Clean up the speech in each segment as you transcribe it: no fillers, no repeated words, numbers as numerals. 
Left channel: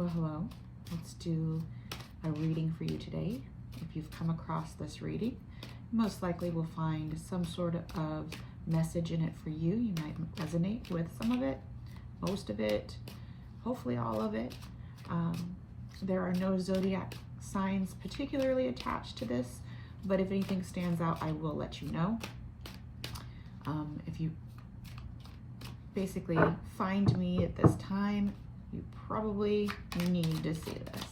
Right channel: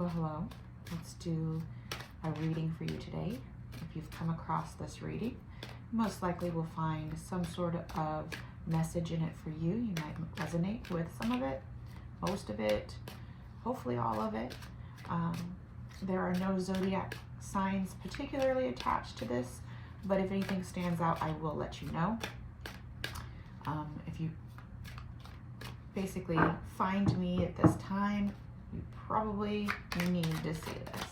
Well, hello. Let's do a reading for you today. If you've come across this reading, most likely will find some sort of message in it for you. You might resonate with some of it, most of it, hopefully all of it. There are no zodiac signs particularly attached to this, but if anything stands out, I will let you know. If you basically find me at this time, you probably need to see this.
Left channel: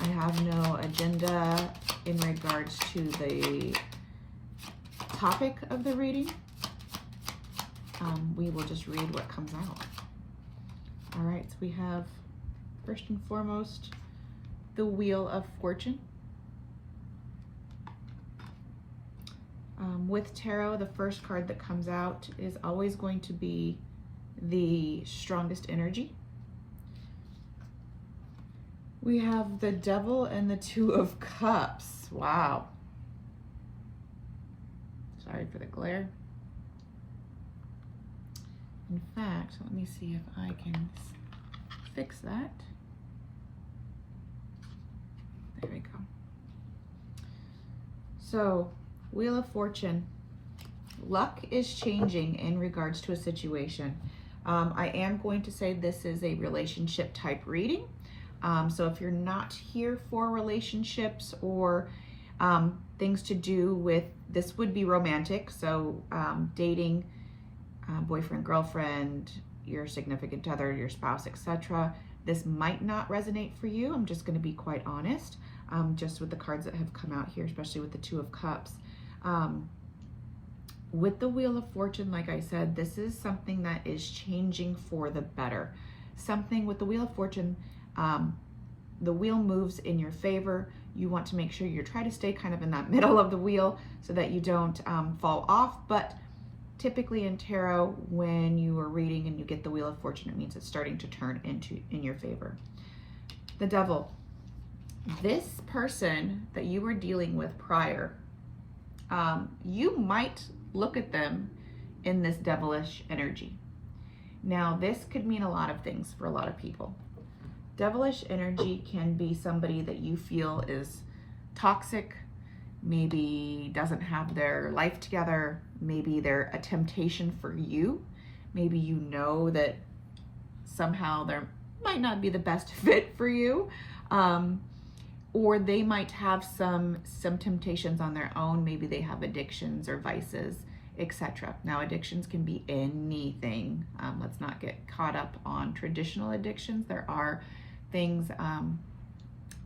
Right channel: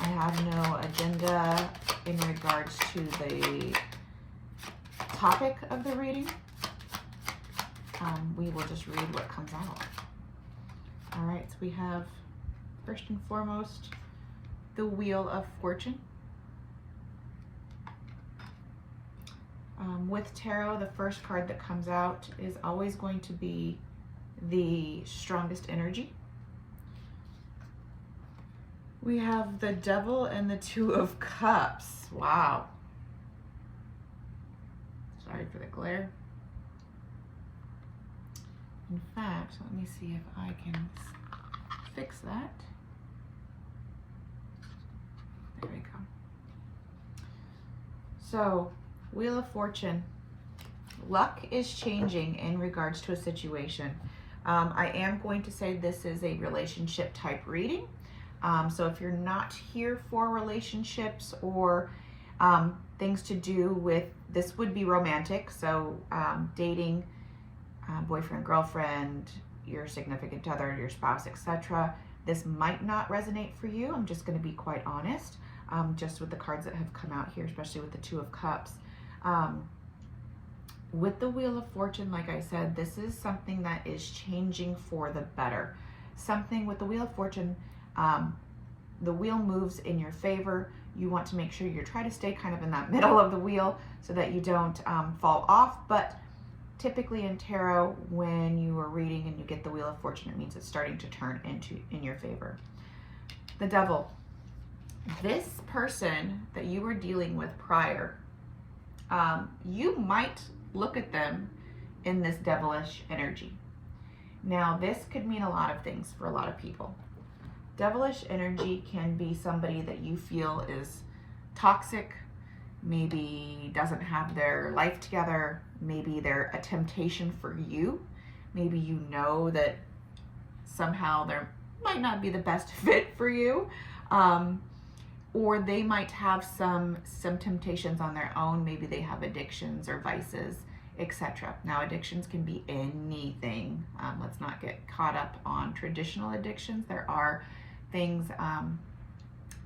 I have no agenda in regards to the topic of the reading. We will just read what comes out. All right, so we have, first and foremost, the Wheel of Fortune. With tarot, the first card that comes out is always going to be the strongest energy. We have the Devil and the Two of Cups. Wow. Sorry for the glare. In fact, let me see if I can fix that. There we go. So, Wheel of Fortune. Luck is changing in regards to a situation. I am going to say this is a relationship type reading. So if you're not here for relationships or things to do with, this would be romantic. So dating, boyfriend, girlfriend, your significant other, your spouse, etc. This might not resonate for you. I'm just going to be quite honest, just with the cards that have come out here, especially with the Two of Cups. With the Wheel of Fortune, like I said, this is something that is changing for the better. Something with the Wheel of Fortune, the wheel moves in your favor. You want to make sure you try to stay kind of in that middle of the wheel so that you don't fall off. But typically in tarot, when you are reading and you get the Wheel of Fortune, it means it's starting to turn in your favor. The Devil. This person that you were dealing with prior, you might look at them in this devilish energy. Now, this could mean a lot of things for a lot of people. Devilish energy can be somebody that you feel is toxic, maybe doesn't have their life together, maybe they're a temptation for you, maybe you know that somehow they might not be the best fit for you, or they might have some temptations on their own. Maybe they have addictions or vices, etc. Now, addictions can be anything. Let's not get caught up on traditional addictions. There are things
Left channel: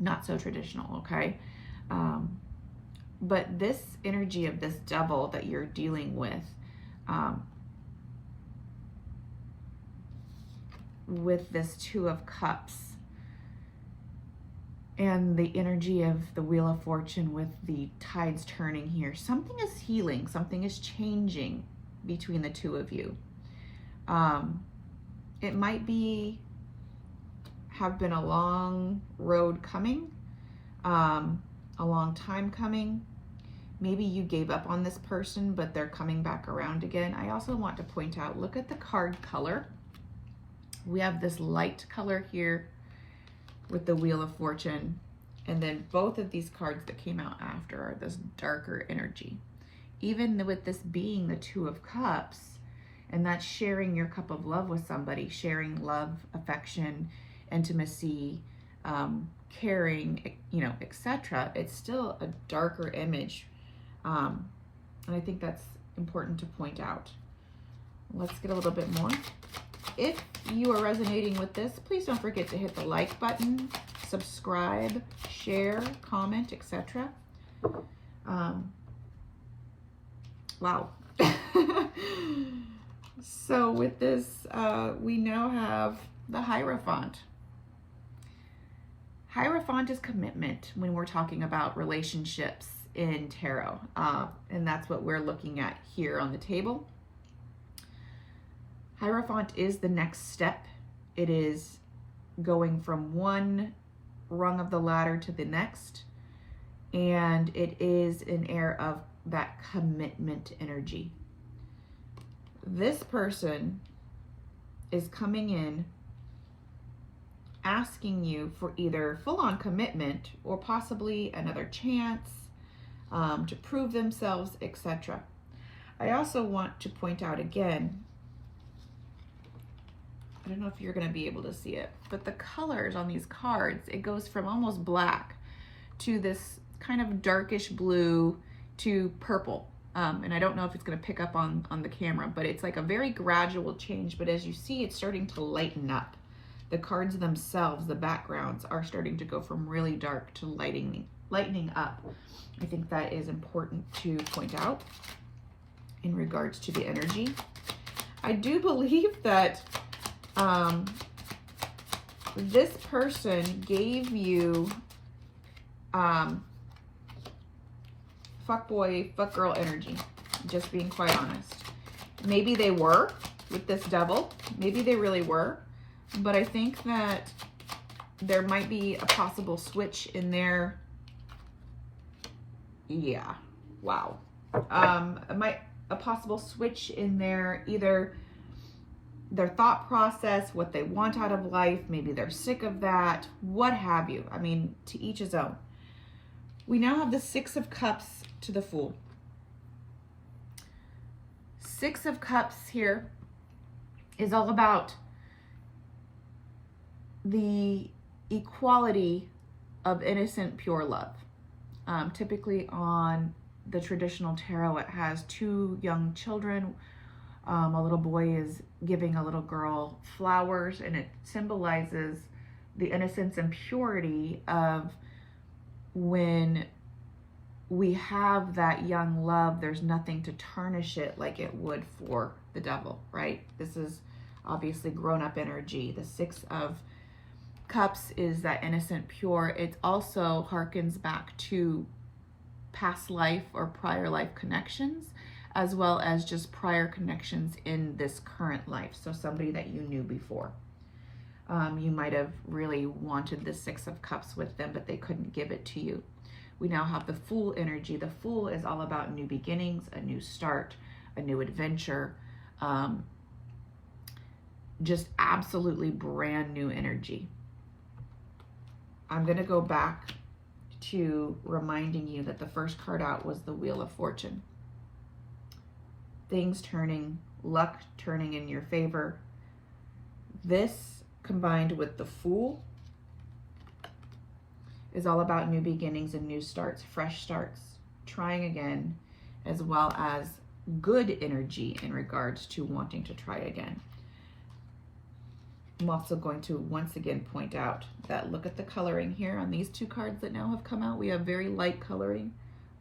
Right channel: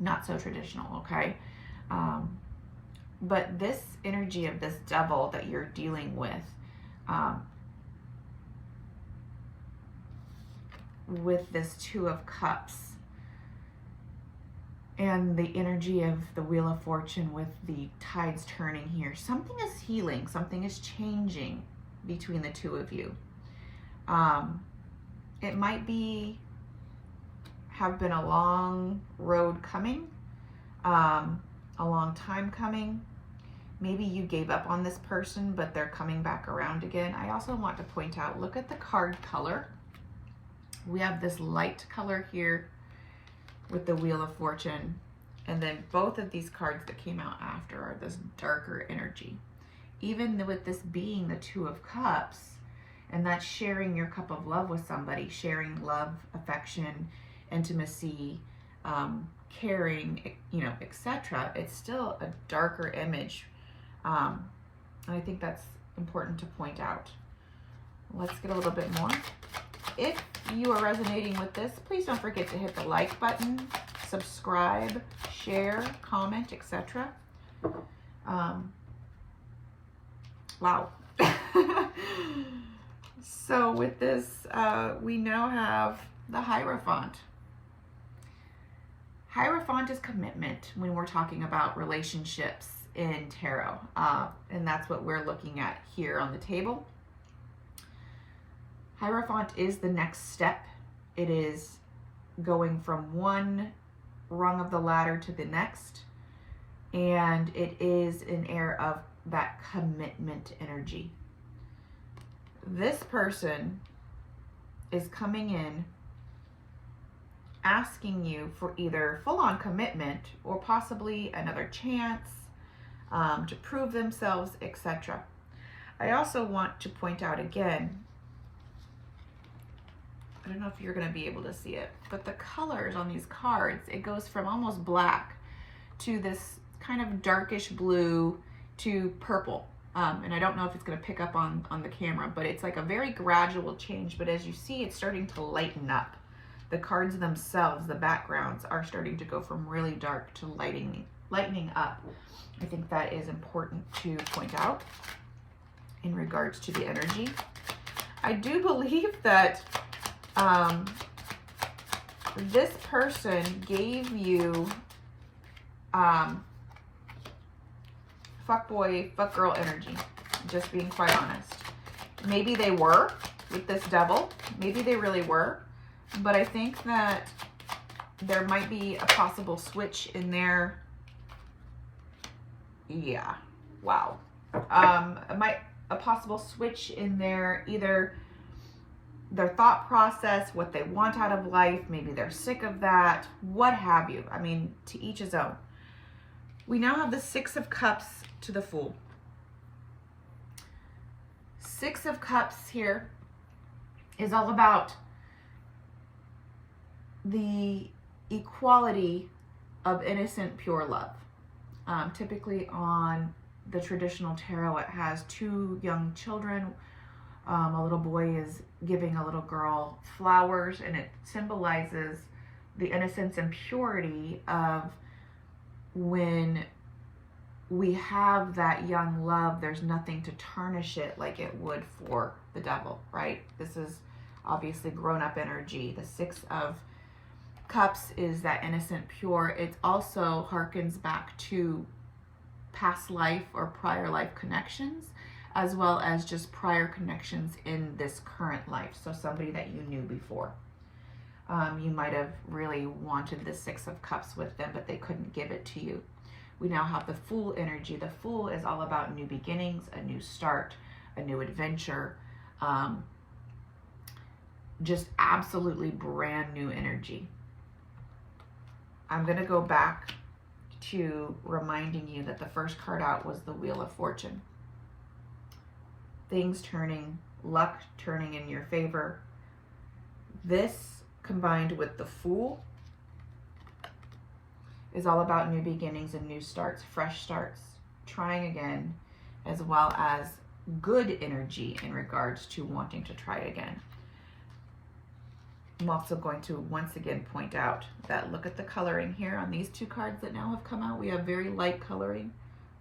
not so traditional, okay? But this energy of this devil that you're dealing with this Two of Cups, and the energy of the Wheel of Fortune with the tides turning here, something is healing, something is changing between the two of you. It might have been a long road coming, a long time coming. Maybe you gave up on this person, but they're coming back around again. I also want to point out, look at the card color. We have this light color here with the Wheel of Fortune, and then both of these cards that came out after are this darker energy. Even with this being the Two of Cups, and that's sharing your cup of love with somebody, sharing love, affection, intimacy, caring, etc. It's still a darker image, and I think that's important to point out. Let's get a little bit more. If you are resonating with this, please don't forget to hit the like button, subscribe, share, comment, etc. Wow. So with this, we now have the Hierophant. Hierophant is commitment when we're talking about relationships in tarot, and that's what we're looking at here on the table. Hierophant is the next step. It is going from one rung of the ladder to the next, and it is an air of that commitment energy. This person is coming in asking you for either full-on commitment or possibly another chance to prove themselves, etc. I also want to point out again, I don't know if you're going to be able to see it, but the colors on these cards, it goes from almost black to this kind of darkish blue to purple. And I don't know if it's going to pick up on the camera, but it's like a very gradual change. But as you see, it's starting to lighten up. The cards themselves, the backgrounds, are starting to go from really dark to lightening up. I think that is important to point out in regards to the energy. I do believe that this person gave you fuckboy, fuckgirl energy, just being quite honest. Maybe they were with this devil. Maybe they really were. But I think that there might be a possible switch in there. Yeah, wow. A possible switch in there, either their thought process, what they want out of life, maybe they're sick of that, what have you. I mean, to each his own. We now have the Six of Cups to the Fool. Six of Cups here is all about the equality of innocent, pure love. Typically on the traditional tarot, it has two young children. A little boy is giving a little girl flowers, and it symbolizes the innocence and purity of when we have that young love. There's nothing to tarnish it like it would for the devil, right? This is obviously grown-up energy. The Six of Cups is that innocent, pure. It also harkens back to past life or prior life connections, as well as just prior connections in this current life. So somebody that you knew before. You might have really wanted the Six of Cups with them, but they couldn't give it to you. We now have the Fool energy. The Fool is all about new beginnings, a new start, a new adventure, just absolutely brand new energy. I'm going to go back to reminding you that the first card out was the Wheel of Fortune. Things turning, luck turning in your favor. This combined with the Fool is all about new beginnings and new starts, fresh starts, trying again, as well as good energy in regards to wanting to try again. I'm also going to once again point out that look at the coloring here on these two cards that now have come out. We have very light coloring.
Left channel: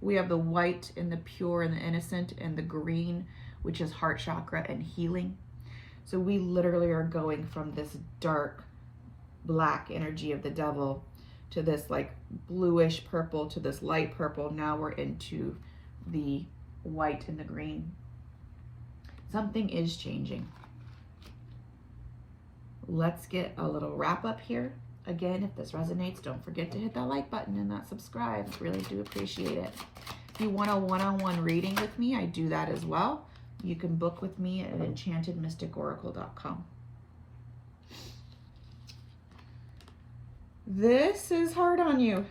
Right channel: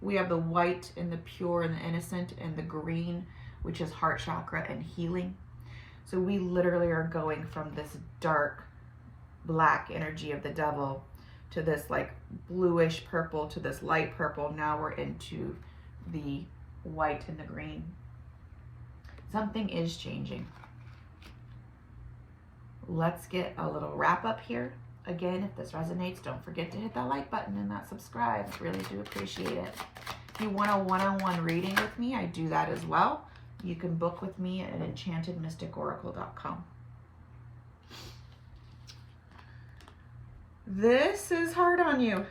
We have the white and the pure and the innocent, and the green, which is heart chakra and healing. So we literally are going from this dark black energy of the devil to this like bluish purple to this light purple. Now we're into the white and the green. Something is changing. Let's get a little wrap up here. Again, if this resonates, don't forget to hit that like button and that subscribe. I really do appreciate it. If you want a one-on-one reading with me, I do that as well. You can book with me at EnchantedMysticOracle.com. This is hard on you.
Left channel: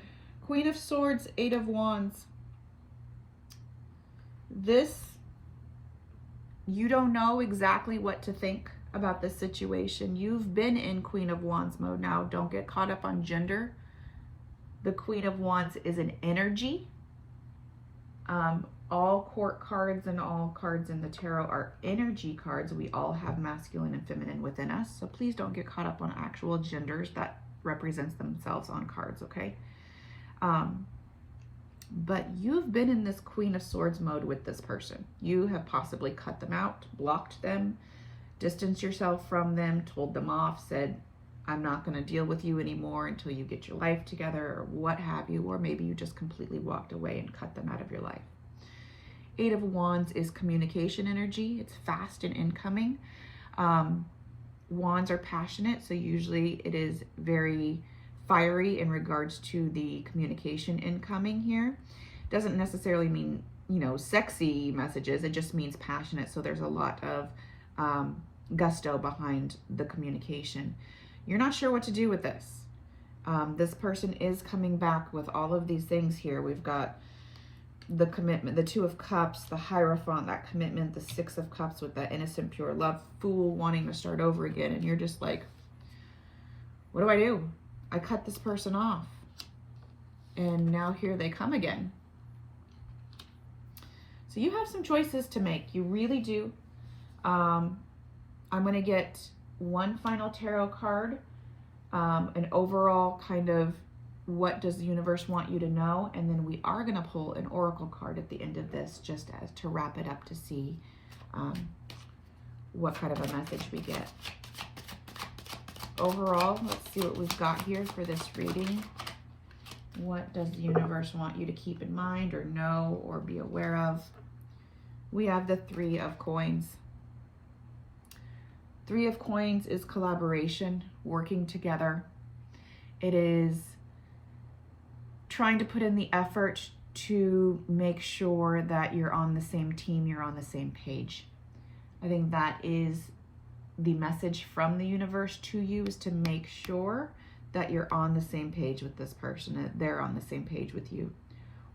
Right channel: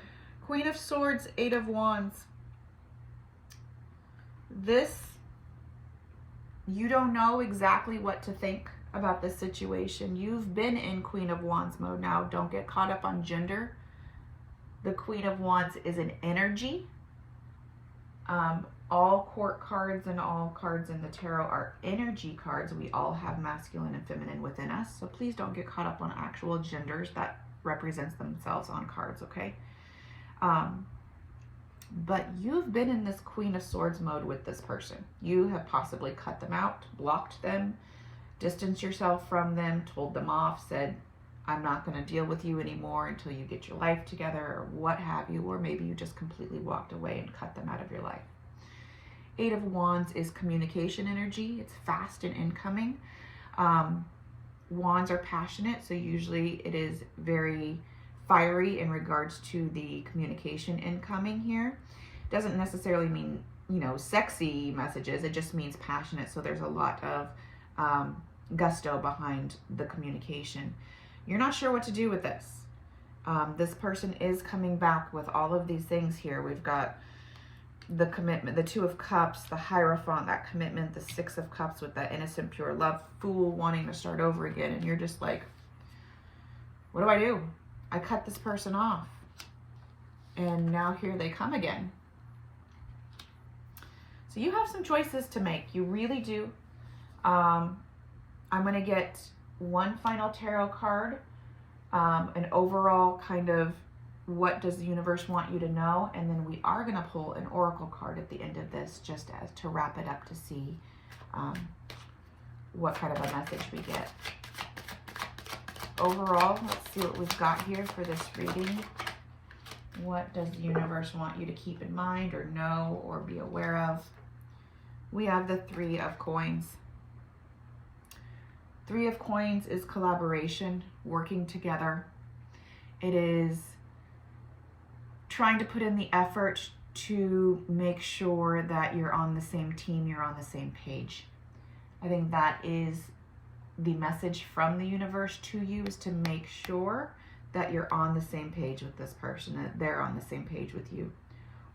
Queen of Swords, Eight of Wands. This, you don't know exactly what to think about this situation. You've been in Queen of Wands mode now. Don't get caught up on gender. The Queen of Wands is an energy. All court cards and all cards in the tarot are energy cards. We all have masculine and feminine within us. So please don't get caught up on actual genders that represents themselves on cards, okay? But you've been in this Queen of Swords mode with this person. You have possibly cut them out, blocked them, distanced yourself from them, told them off, said, I'm not going to deal with you anymore until you get your life together, or what have you, or maybe you just completely walked away and cut them out of your life. Eight of Wands is communication energy. It's fast and incoming. Wands are passionate, so usually it is very fiery in regards to the communication incoming here. Doesn't necessarily mean, you know, sexy messages. It just means passionate, so there's a lot of gusto behind the communication. You're not sure what to do with this. This person is coming back with all of these things here. We've got the commitment, the Two of Cups, the Hierophant, that commitment, the Six of Cups with that innocent, pure love, Fool wanting to start over again. And you're just like, what do? I cut this person off. And now here they come again. So you have some choices to make. You really do. I'm going to get one final tarot card, an overall kind of what does the universe want you to know, and then we are going to pull an oracle card at the end of this just as to wrap it up to see what kind of a message we get. Overall, let's see what we've got here for this reading. What does the universe want you to keep in mind or know or be aware of? We have the Three of Coins. Three of Coins is collaboration, working together. It is trying to put in the effort to make sure that you're on the same team, you're on the same page. I think that is the message from the universe to you, is to make sure that you're on the same page with this person, that they're on the same page with you.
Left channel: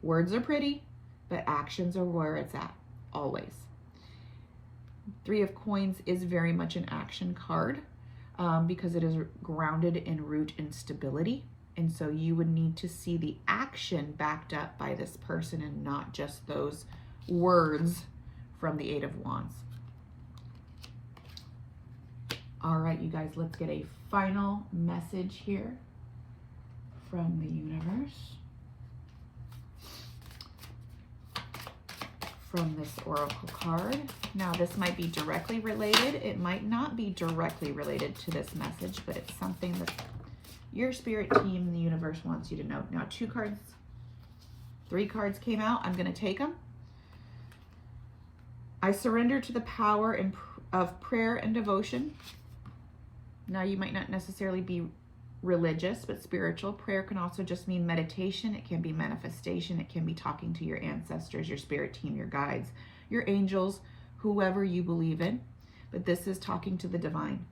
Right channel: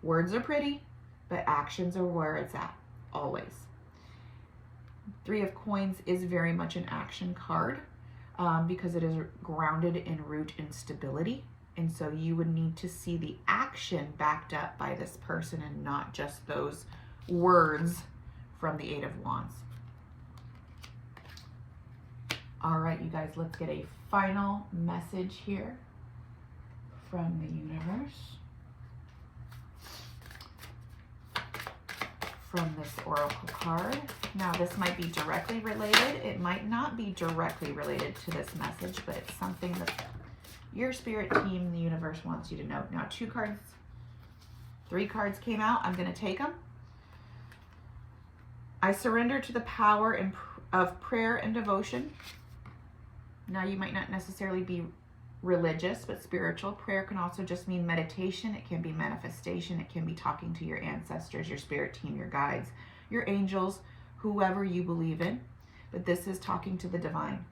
Words are pretty, but actions are where it's at, always. Three of Coins is very much an action card because it is grounded in root and stability. And so you would need to see the action backed up by this person and not just those words from the Eight of Wands. All right, you guys, let's get a final message here from the universe, from this oracle card. Now, this might be directly related. It might not be directly related to this message, but it's something that your spirit team, the universe, wants you to know. Now, 2 cards, 3 cards came out. I'm going to take them. I surrender to the power of prayer and devotion. Now, you might not necessarily be religious, but spiritual. Prayer can also just mean meditation. It can be manifestation. It can be talking to your ancestors, your spirit team, your guides, your angels, whoever you believe in. But this is talking to the divine.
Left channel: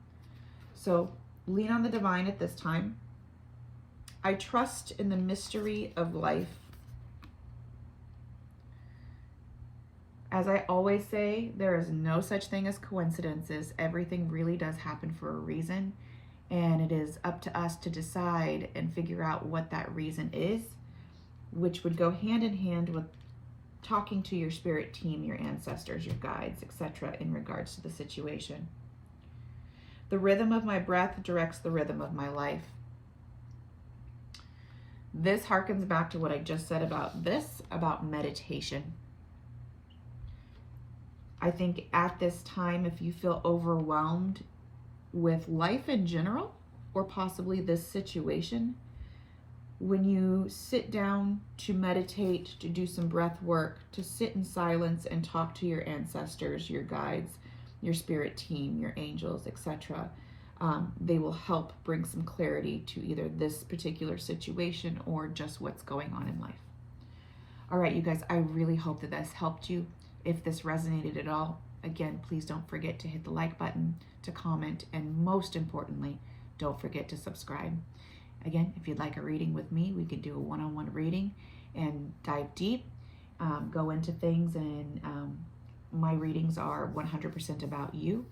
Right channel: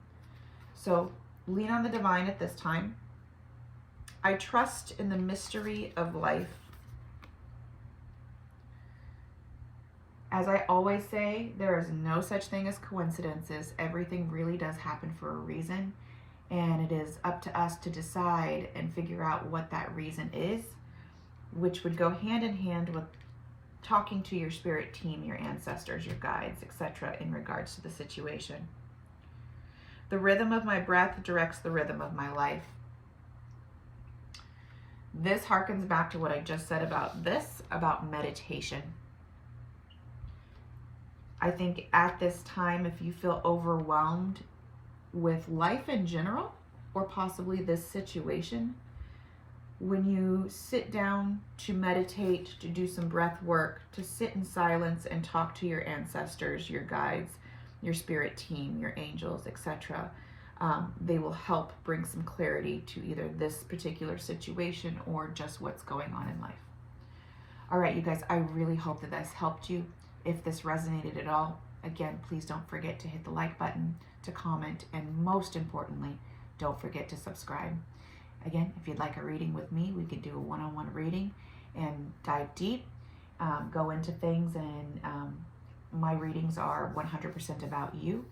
So lean on the divine at this time. I trust in the mystery of life. As I always say, there is no such thing as coincidences. Everything really does happen for a reason, and it is up to us to decide and figure out what that reason is, which would go hand in hand with talking to your spirit team, your ancestors, your guides, etc. in regards to the situation. The rhythm of my breath directs the rhythm of my life. This harkens back to what I just said about meditation. I think at this time, if you feel overwhelmed with life in general, or possibly this situation, when you sit down to meditate, to do some breath work, to sit in silence and talk to your ancestors, your guides, your spirit team, your angels, etc., they will help bring some clarity to either this particular situation or just what's going on in life. All right, you guys, I really hope that this helped you. If this resonated at all, again, please don't forget to hit the like button, to comment, and most importantly, don't forget to subscribe. Again, if you'd like a reading with me, we could do a one-on-one reading and dive deep, go into things, and my readings are 100% about you,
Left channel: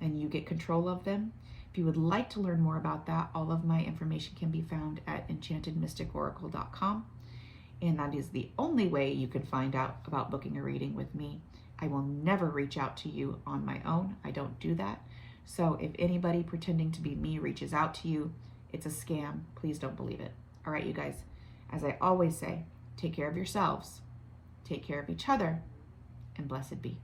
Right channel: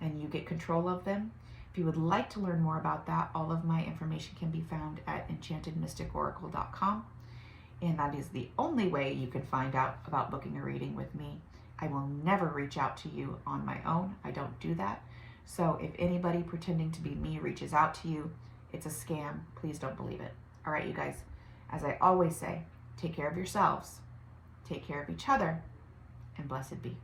and you get control of them. If you would like to learn more about that, all of my information can be found at EnchantedMysticOracle.com. And that is the only way you can find out about booking a reading with me. I will never reach out to you on my own. I don't do that. So if anybody pretending to be me reaches out to you, it's a scam. Please don't believe it. All right, you guys, as I always say, take care of yourselves, take care of each other, and blessed be.